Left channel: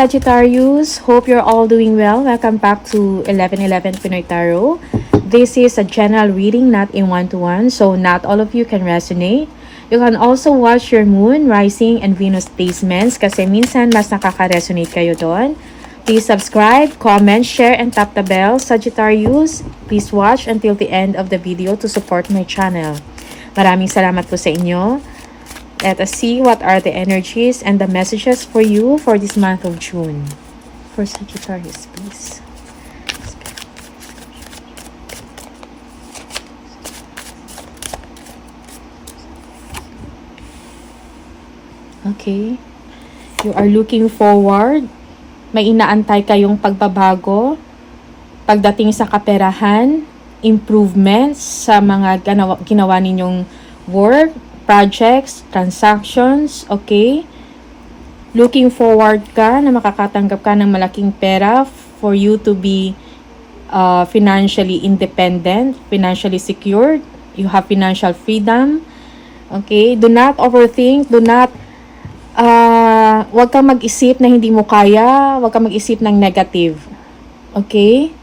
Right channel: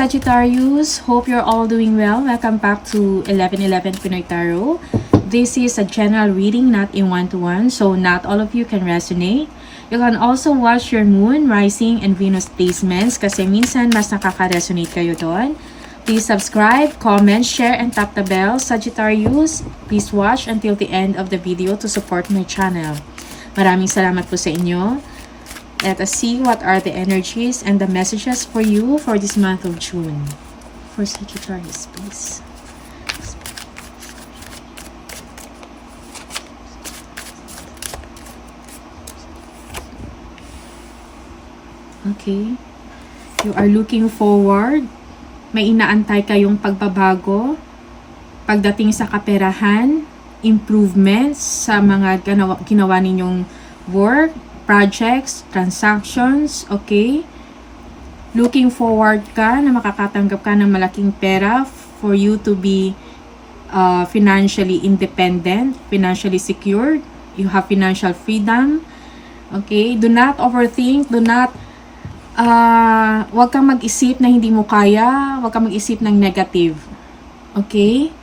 Sagittarius, hope you're all doing well. Welcome back to 1111 Pinoy Tarot. This is a general reading, not in one-to-one, so not all of you can resonate. You can also watch your moon, rising, and Venus placements kasi minsan mas nakaka-resonate kayo doon. Please subscribe, comment, share, and tap the bell. Sagittarius, please watch until the end of the video to support my channel. Maraming salamat po sa inyo. Let us see what are the energies and the messages for you for this month of June. For Sagittarius, please. Okay. You are looking forward. May inaantay kayong pagbabago. Pagdating sa kaperahan, improvements sa mga ginawa ninyong work, projects, transactions, okay? Looking forward ka na makakatanggap ka ng malaking pera for you to be financially independent, financially secured. You have financial freedom, okay? Do not overthink, do not, wag kang mag-isip na hindi mo kaya, wag kang mag-isip ng negative, okay?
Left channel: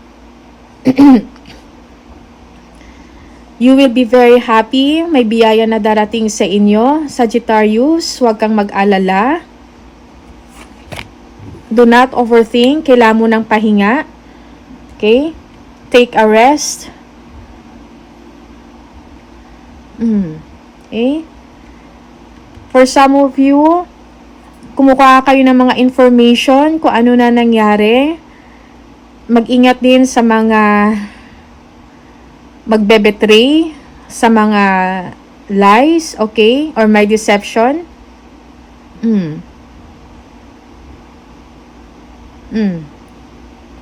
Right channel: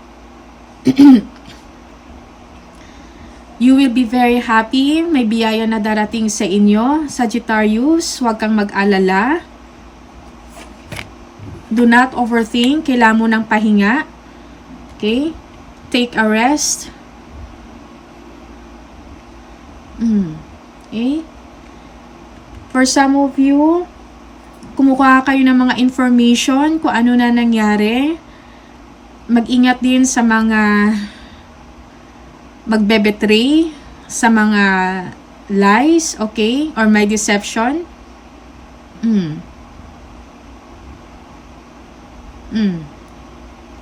You will be very happy. May biyaya na darating sa inyo. Sagittarius, huwag kang mag-alala. Do not overthink. Kailangan mo ng pahinga. Okay? Take a rest. Okay? For some of you, kumukuha kayo ng mga information kung ano na nangyari. Mag-ingat din sa mga magbe-betray, sa mga lies, okay? Or may deception.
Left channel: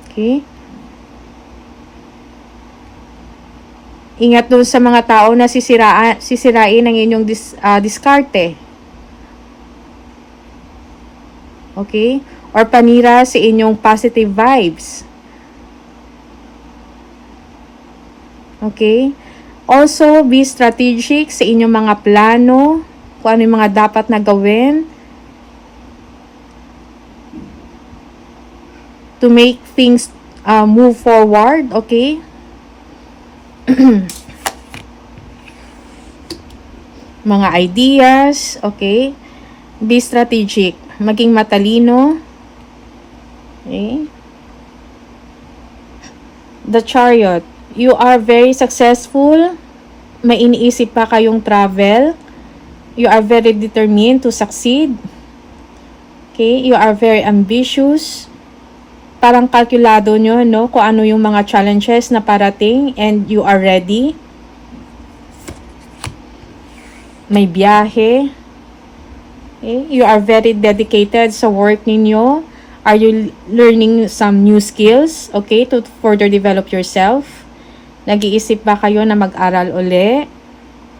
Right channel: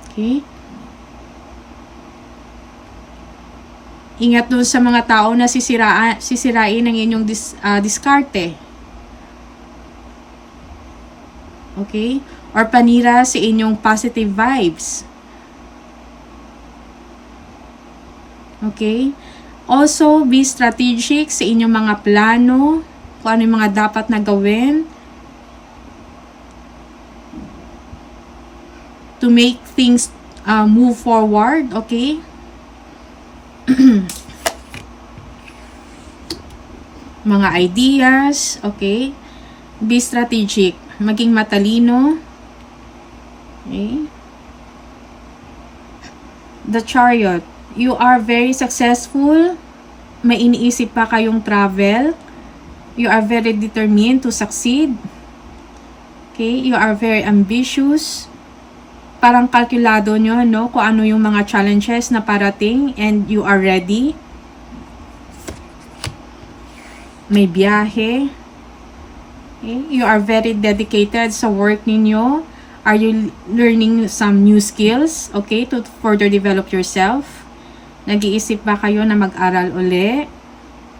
Okay? Ingat dun sa mga tao na sisirain ang inyong diskarte. Okay? Or panira sa inyong positive vibes. Okay? Also, be strategic sa inyong mga plano, kung ano yung mga dapat na gawin to make things move forward, okay? Mga ideas, okay? Be strategic, maging matalino. Okay? The Chariot. You are very successful. May iniisip pa kayong travel. You are very determined to succeed. Okay? You are very ambitious. Parang kalkulado nyo, no? Kung ano yung mga challenges na parating and you are ready. May biyahe. Okay? You are very dedicated sa work ninyo. Are you learning some new skills? Okay? To further develop yourself. Nag-iisip ba kayo na mag-aral uli?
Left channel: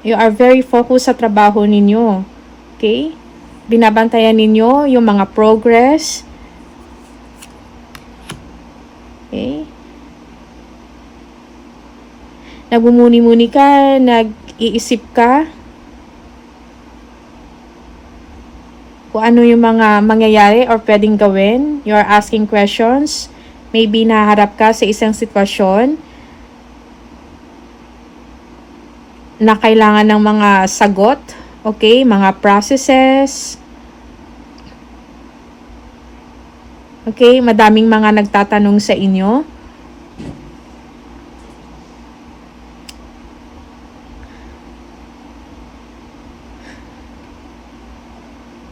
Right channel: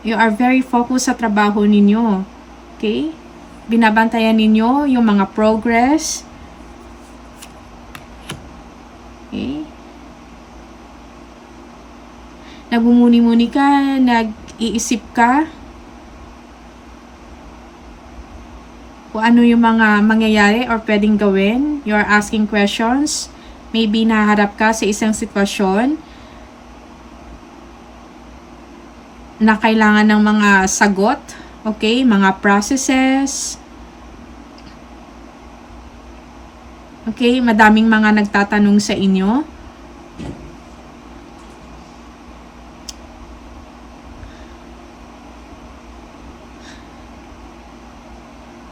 You are very focused sa trabaho ninyo. Okay? Binabantayan ninyo yung mga progress. Okay? Nagmumuni-muni ka, nag-iisip ka kung ano yung mga mangyayari or pwedeng gawin. You are asking questions. Maybe naharap ka sa isang sitwasyon na kailangan ng mga sagot, okay, mga processes. Okay, madaming mga nagtatanong sa inyo.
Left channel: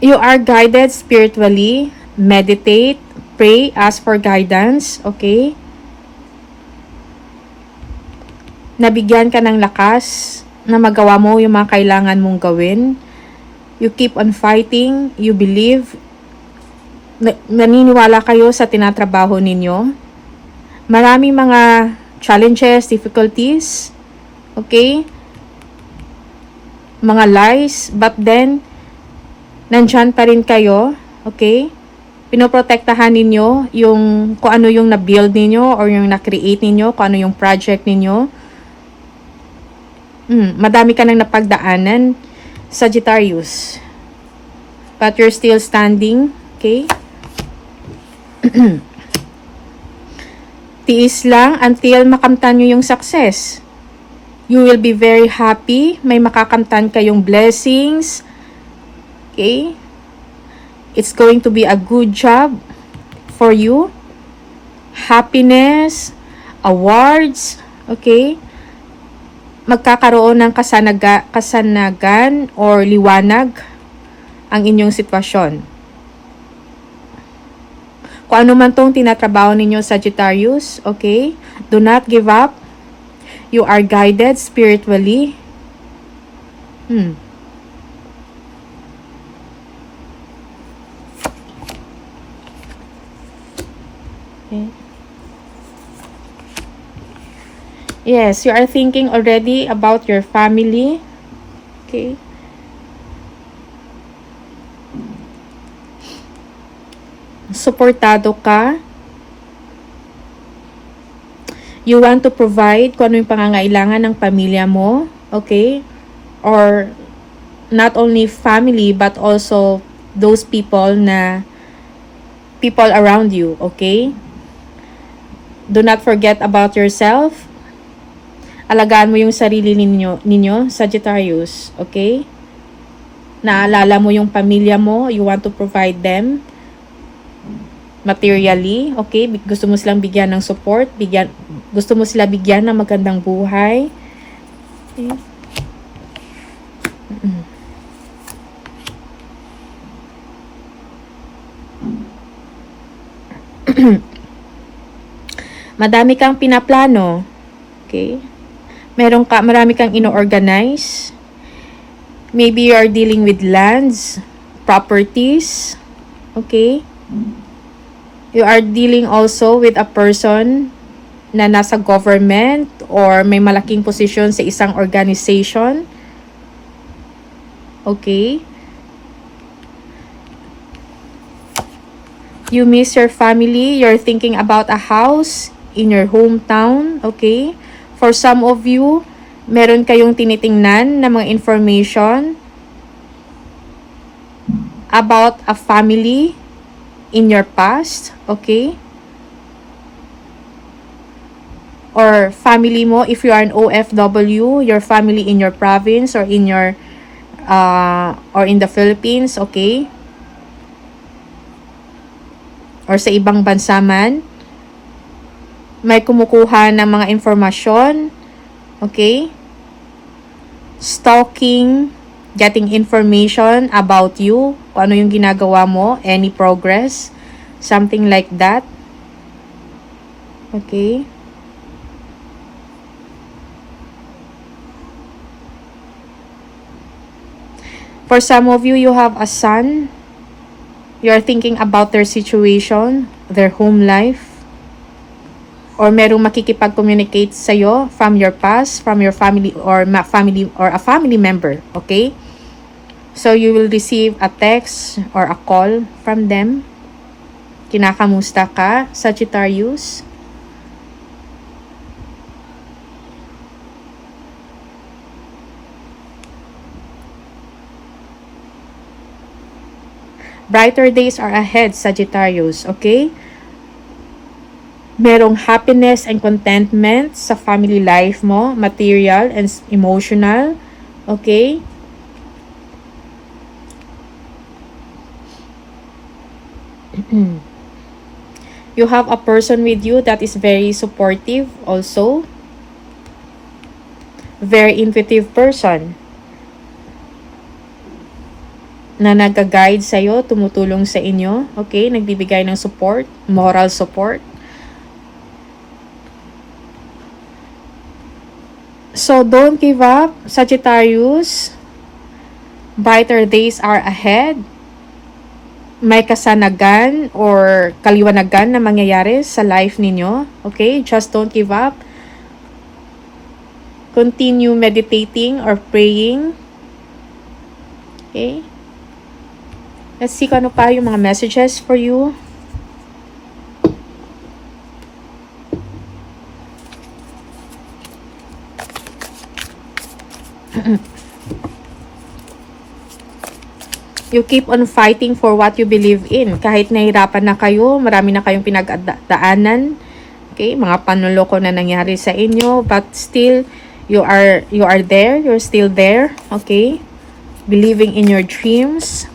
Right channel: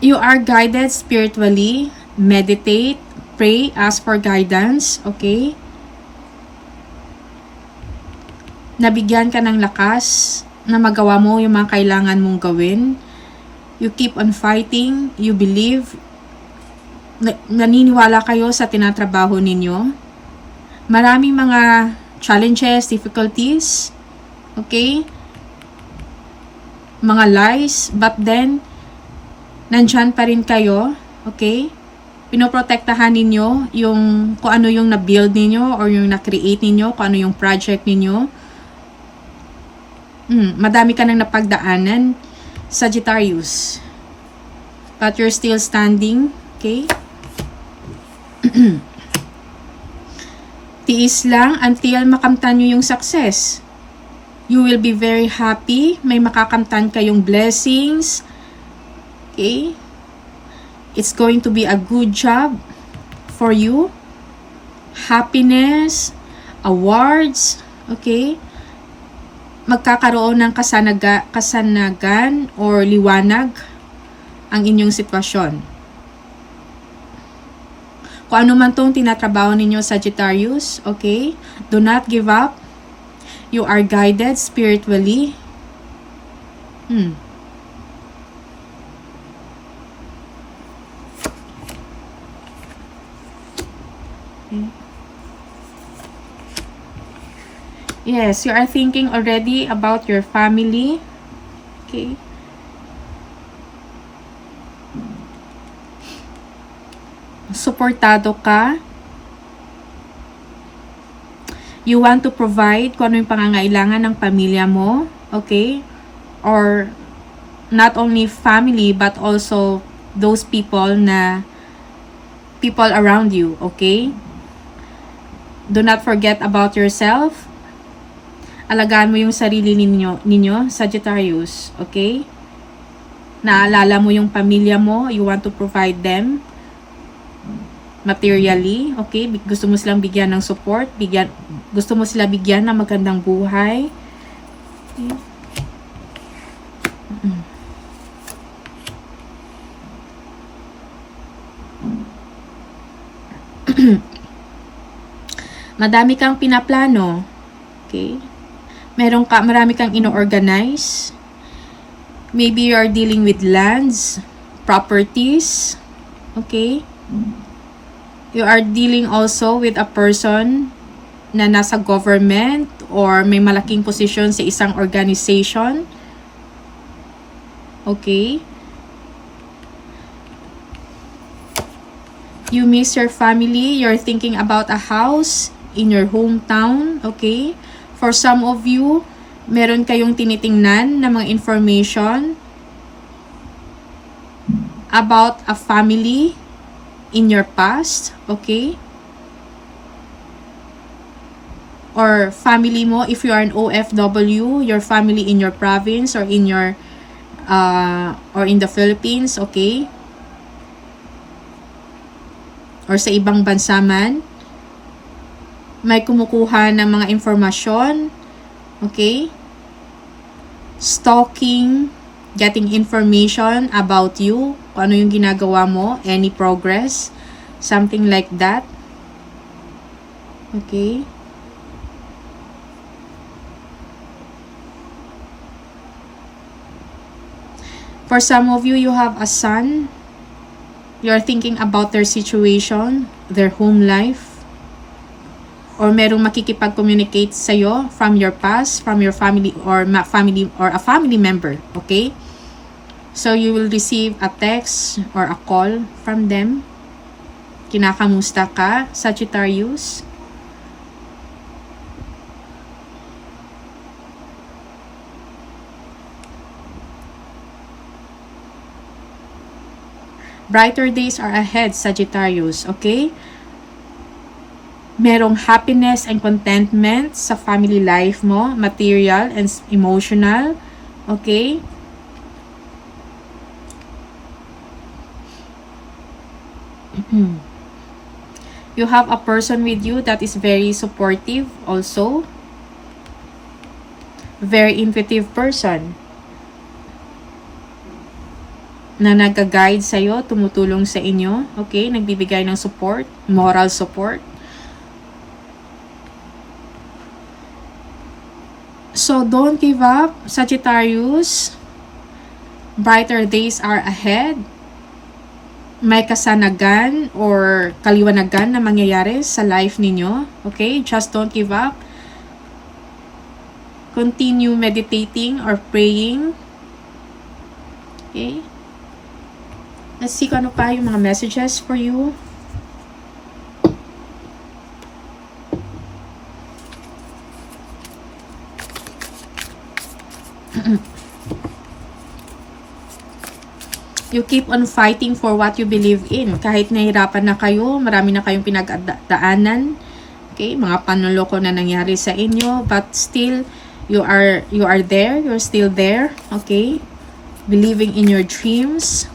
You are guided spiritually. Meditate, pray, ask for guidance, okay? Nabigyan ka ng lakas na magawa mo yung mga kailangan mong gawin. You keep on fighting. You believe. Naniniwala kayo sa tinatrabaho ninyo. Maraming mga challenges, difficulties. Okay? Mga lies. But then, nandyan pa rin kayo. Okay? Pinoprotektahan ninyo yung kung ano yung na-build ninyo or yung na-create ninyo, kung ano yung project ninyo. Madami ka nang napagdaanan, Sagittarius. But you're still standing, okay? Tiis lang until makamtan nyo yung success. You will be very happy. May makakamtan kayong blessings. Okay? It's going to be a good job for you. Happiness, awards, okay? Magkakaroon ng kasanagan or liwanag ang inyong sitwasyon. Kung ano man tong tinatrabaho ninyo, Sagittarius, okay? Do not give up. You are guided spiritually. Okay. Yes, you are thinking already about your family. Okay. Suportado ka. You want to provide kung ano yung pangangailangan ng pamilya mo. Okay? Or not only family but also those people around you. Okay? Do not forget about yourself. Alagaan mo yung sarili ninyo, Sagittarius. Okay? Naalala mo yung pamilya mo. You want to provide them materially. Okay? Gusto mo silang bigyan ng support. Gusto mo sila bigyan ng magandang buhay. Okay? Madami kang pinaplano. Okay? Marami kang ino-organize. Maybe you are dealing with lands, properties. Okay? You are dealing also with a person na nasa government or may malaking posisyon sa isang organization. Okay? You miss your family. You're thinking about a house in your hometown. Okay? For some of you, meron kayong tinitingnan na mga information about a family in your past, okay? Or family mo, if you are an OFW, your family in your province or in your or in the Philippines, okay? Or sa ibang bansa man, may kumukuha ng mga informasyon, okay? Stalking, getting information about you, kung ano yung ginagawa mo, any progress, something like that. Okay? For some of you, you have a son. You are thinking about their situation, their home life. Or merong makikipag-communicate sa'yo from your past, from your family or a family member. Okay? So, you will receive a text or a call from them. Kinakamusta ka, Sagittarius? Brighter days are ahead, Sagittarius. Okay? Merong happiness and contentment sa family life mo, material and emotional. Okay? You have a person with you that is very supportive also. Very intuitive person. Na nag-guide sa'yo, tumutulong sa inyo. Okay? Nagbibigay ng support, moral support. So, don't give up, Sagittarius. Brighter days are ahead. May kasanagan or kaliwanagan na mangyayari sa life ninyo. Okay? Just don't give up. Continue meditating or praying. Okay? Let's see kung ano pa yung mga messages for you. You keep on fighting for what you believe in. Kahit nahirapan na kayo, marami na kayong pinagdaanan. Okay, mga panloloko na nangyari sa inyo, but still you are there, you're still there, okay? Believing in your dreams.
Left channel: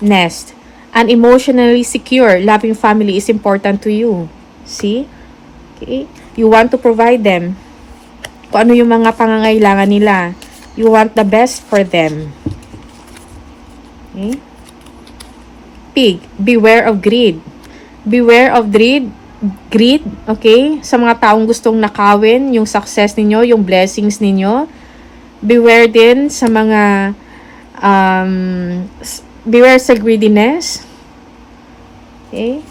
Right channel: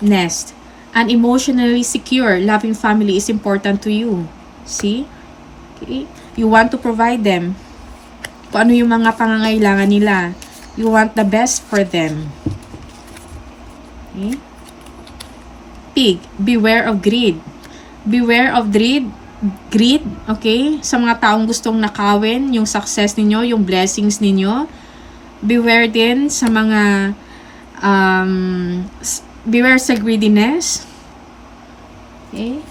Next, an emotionally secure, loving family is important to you. See? Okay? You want to provide them kung ano yung mga pangangailangan nila. You want the best for them. Okay? Pig, beware of greed. Beware of greed, okay? Sa mga taong gustong nakawin yung success ninyo, yung blessings ninyo. Beware din sa mga beware sa greediness. Okay?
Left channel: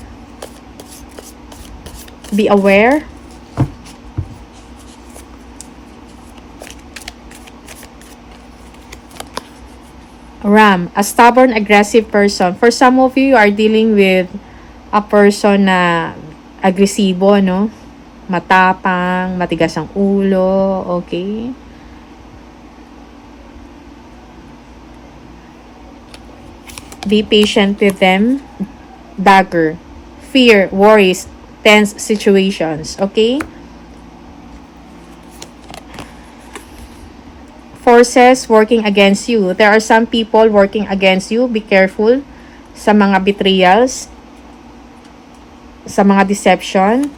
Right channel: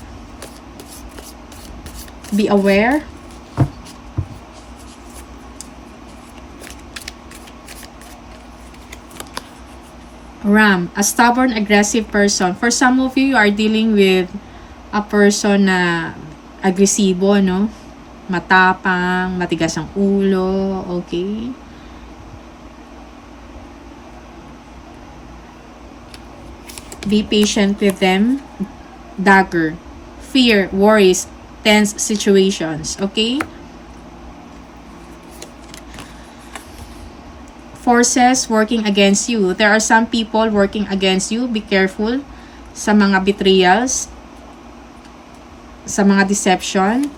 Be aware. Ram, a stubborn, aggressive person. For some of you, you are dealing with a person na agresibo, no? Matapang, matigas ang ulo, okay? Be patient with them. Dagger, fear, worries, tense situations, okay? Forces working against you. There are some people working against you. Be careful sa mga betrayals, sa mga deception.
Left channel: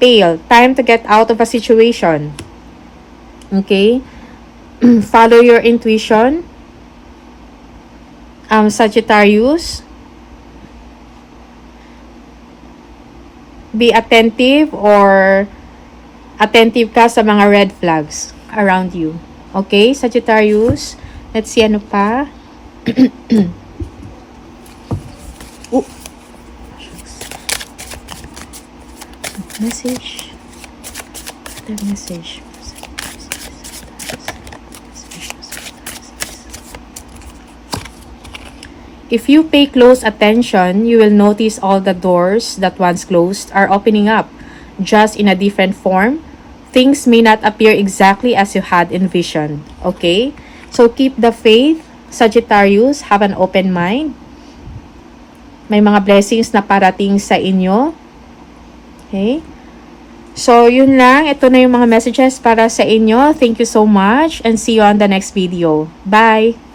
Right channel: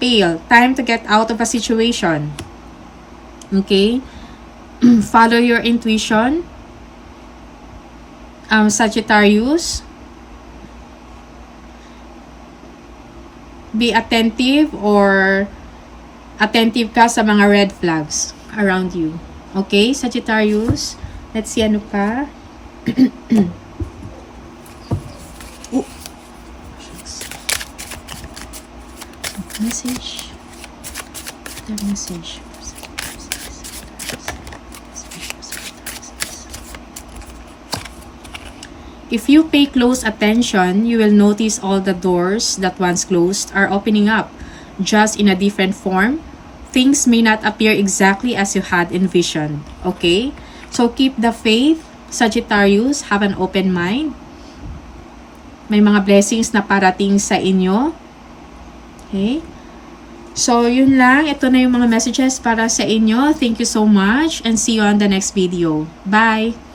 Pale, time to get out of a situation. Okay? Follow your intuition. Sagittarius, be attentive or attentive ka sa mga red flags around you. Okay, Sagittarius. Let's see ano pa. Message. The message. If you pay close attention, you will notice all the doors that once closed are opening up, just in a different form. Things may not appear exactly as you had envisioned. Okay? So keep the faith, Sagittarius. Have an open mind. May mga blessings na parating sa inyo. Okay? So, yun lang. Ito na yung mga messages para sa inyo. Thank you so much and see you on the next video. Bye!